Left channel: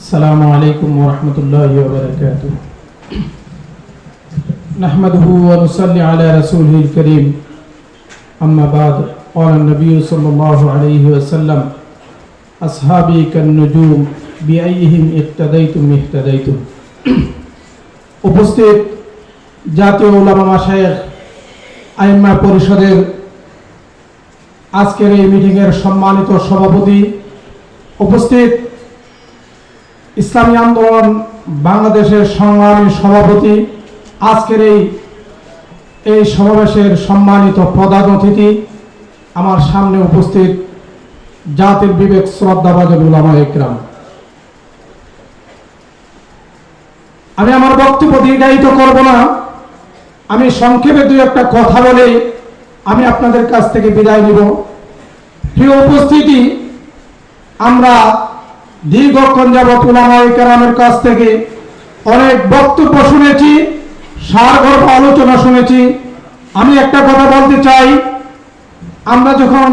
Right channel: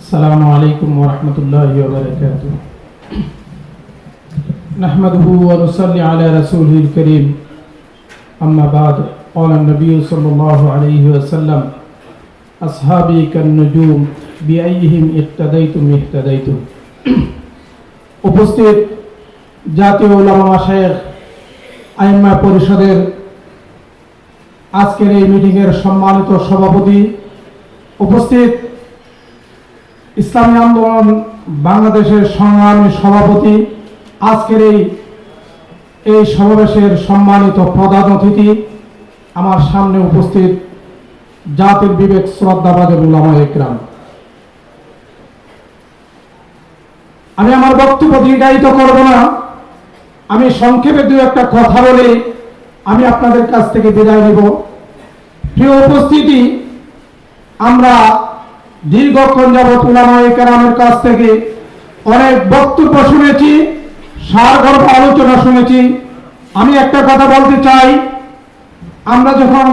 السلام عليكم ورحمة الله وبركاته نحمده ونصلي على رسوله الكريم أما بعد قال النبي صلى الله عليه وسلم أصحابي كالنجوم بأيهم اقتديتم اهتديتم উপস্থিত জাতীয় উলামা মাশায়েখ আইম্মা পরিষদের আজকের এই মিটিংয়ের সম্মানিত সভাপতি উপস্থিত ইসলামী আন্দোলন বাংলাদেশের সংগ্রামী সভাপতি। আজকের এই এই সমাবেশের সম্মানিত প্রধান অতিথি আমার সামনে উপস্থিত জাতির বিবেক শ্রদ্ধাবাদের উলামা একরাম। আমি আমার বক্তব্য দীর্ঘায়িত করব না। আমি সংক্ষেপে দুই একটা কথা বলে আমি আপনাদের কাছ থেকে বিদায় নিব। প্রিয় উপস্থিতি, আমরা দীর্ঘক্ষণ যাবৎ উলামায়ে কেরামের কাছ থেকে অনেক বক্তব্য শুনেছি, সারগর্ভ আলোচনা শুনেছি। আমি একটা কথা বলতে চাই, আমরা যখন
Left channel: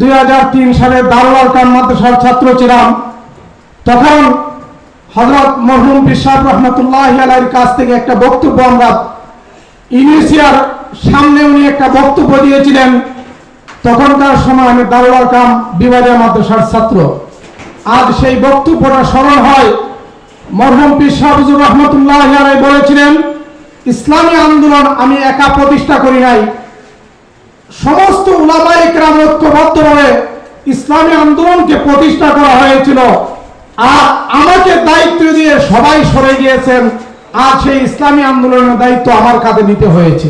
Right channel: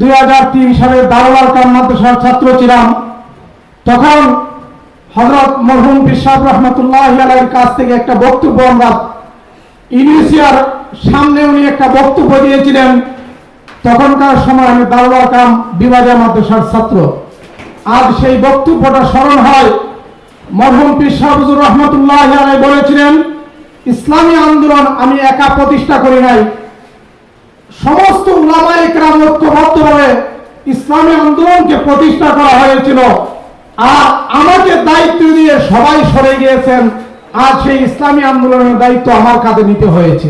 দুই হাজার তিন সালে দারোয়াল কাম মাদ্রাসার ছাত্র ছিলাম, তখন হজরত মরহুম বিশ্বাস রহমতুল্লাহ আলাইয়ের কাছ থেকে একটা বক্তব্য আমরা ইউনিসিয়ার সামনে উনি একটা বক্তব্য দিয়েছিলেন। তখনকার সময় আমি দারোয়াল কাম বিভাগীয় মাদ্রাসার ছাত্র। আজ সেই বক্তব্যটা স্মরণ হয় মরহুম পিসাবুজুর রহমতুল্লাহ বলেছিলেন, ইসলামী আন্দোলন আমি একা প্রতিষ্ঠা করি নাই। সমস্ত উলামা ঐক্যবদ্ধভাবে ইসলামী আন্দোলনকে প্রতিষ্ঠা করা হয়েছিল। আর আমাকে দায়িত্ব দিয়ে সবাই সরে গিয়েছেন আর সেই ইসলামী আন্দোলনের দায়িত্ব আমার কাঁধে নিতে হয়েছে।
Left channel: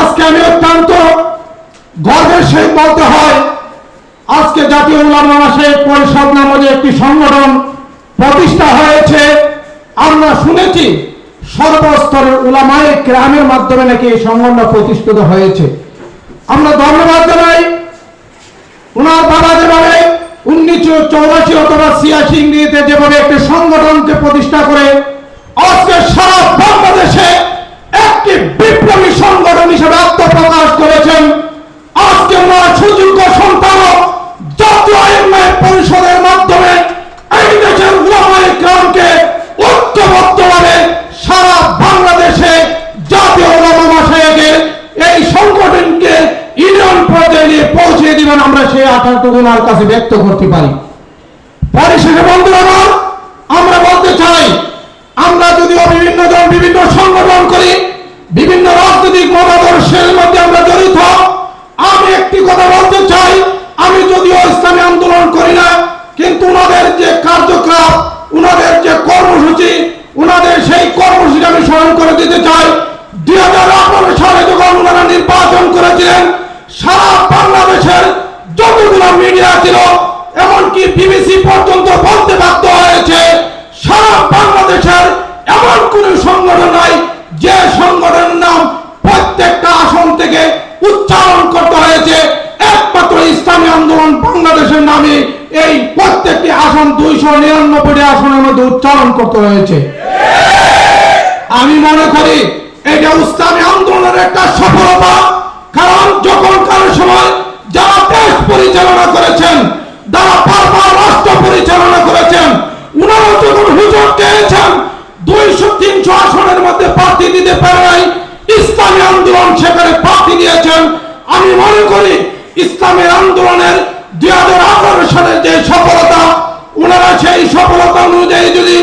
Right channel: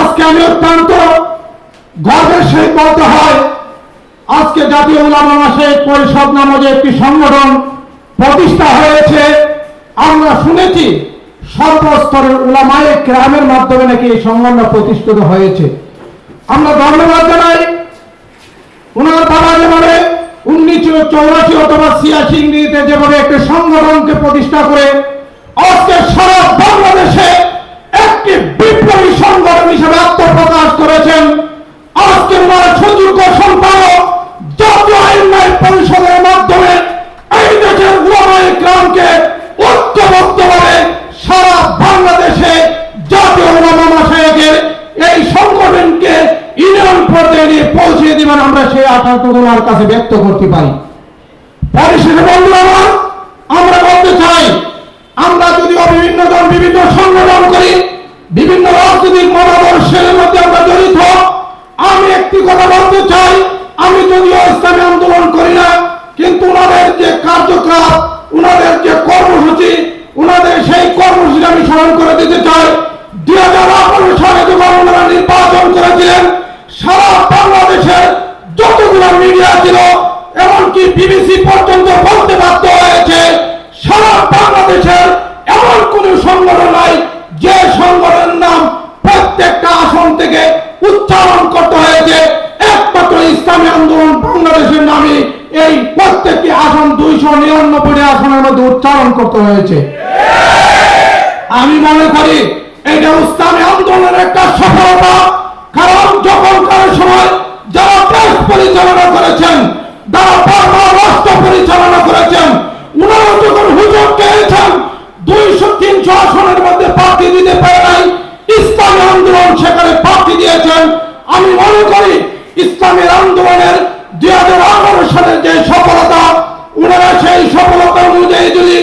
আজকে আমি অত্যন্ত গর্বের সহিত বলতে হয় আজকে জাতীয় উলামা মাসে পরিষদ নামে একটি সংগঠন প্রতিষ্ঠা হয়েছে। আমরা শুনেছি সর্বস্তরের উলামায়ে গ্রামের মাধ্যমে নাকি এই সংগঠন প্রতিষ্ঠিত হয়েছে। আমরা ধন্যবাদ জানাই উনার বাবা যেভাবে উনিশশো চৌরাশি অথবা ছিয়াশি ইংরেজিতে যেভাবে একটি সংগঠনকে প্রতিষ্ঠা করে, আজকে সারা বাংলাদেশে একটি বিপ্লবী সংগঠন হিসেবে আত্মপ্রকাশ করেছেন আজকে ওনার সুযোগ্য সন্তান জাতীয় আইন পরিষদের মাধ্যমে এই দেশের উলামায়ে গ্রামকে ঐক্যবদ্ধভাবে সারা বাংলাদেশে জাতীয় উলামা মাসায়েকের এই সংগঠনকে ইউনিয়ন পর্যায়ে নিয়ে পৌঁছে দিবেন কাছে ব্যক্ত করতে পারি। পরিশেষে বন্ধুরা, আমরা বলতে চাই, আমরা যদি বিভিন্ন দল বিভিন্ন সংগঠন উচ্চারণ করতে হয়েছে। আমি মনে করি এটা ইসলামী আন্দোলনের একটা সফলতা। কারণ যখন কারও সময় যারা দেশ পরিচালনা করেছেন, যারা বারবার রাষ্ট্র পরিচালনা করেছেন, উনারা যখন হুজুর চেয়েছেন দুইশো, তিনশো আসনের মধ্যে প্রার্থী দিতে পারে নাই। ইসলামী আন্দোলন সেখানে প্রার্থী দিয়েছেন। আমি মনে করি ইসলামী আন্দোলনের দুই হাজার আঠারো সালের যে সফলতা ওনারা সেই সফলতা অনুযায়ী যদি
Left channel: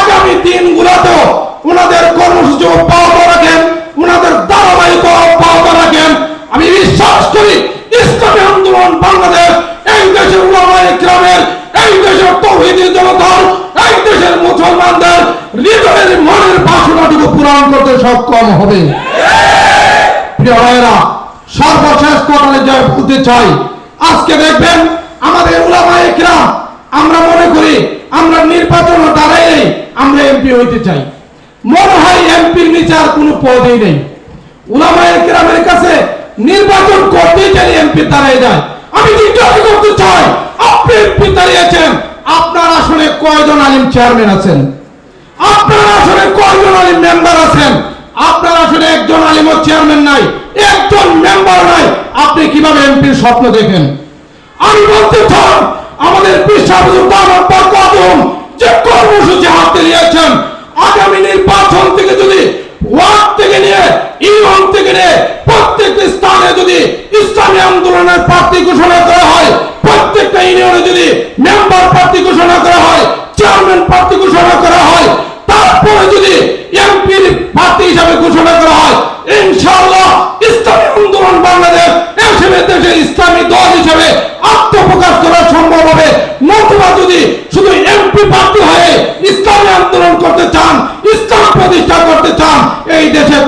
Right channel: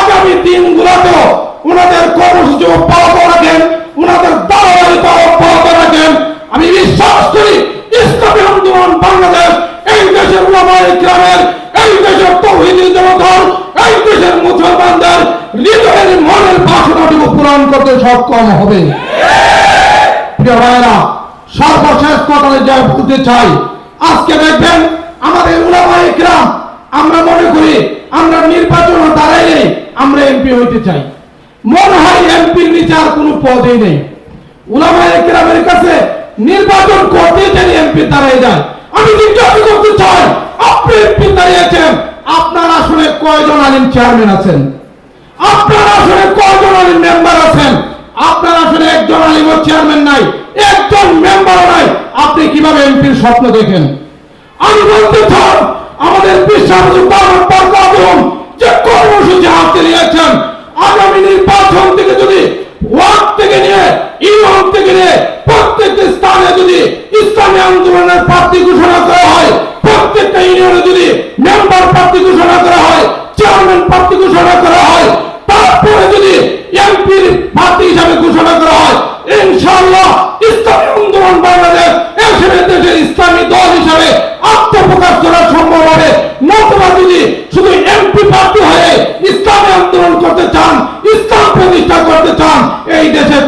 আগামী দিনগুলোতেও ওনাদের কর্মসূচি অব্যাহত রাখেন, ওনাদের ধারাবাহিকতা অব্যাহত রাখেন, আমি বিশ্বাস করি ইসলামী আন্দোলন বাংলাদেশ এই দেশের গ্রামের এই দেশের তৌহিদি জনতার, এই দেশের মুসলমানদের হৃদয়ের মনের পূরণ করতে সক্ষম হবে। সর্বশেষ কথালে যা বলতে চাই, আজকে দেখবেন হইতে চাই। মনোহরি এমপির নিচে আর কোনো পদই নেই। উলামায়ে কাছে নির্বাচন করতে চাই এমপি দাঁড়িয়ে যায়। আমি জিজ্ঞাসা করতে চাই, আপনি এমপি দাঁড়িয়েছেন? আপনার আসলে কয়জন আলিম চেয়ারম্যান আছেন? আপনার আসলে কয়জন আলিম মেম্বার আছেন? আপনার আসলে একজন আলিম চেয়ারম্যান নাই, একজন মেম্বার নাই। আপনি কীভাবে এমপির স্বপ্ন দেখেন? আমি বলতে চাই, আমাদের বিশ্বাস যে কর্মসূচি হাতে নিয়েছেন।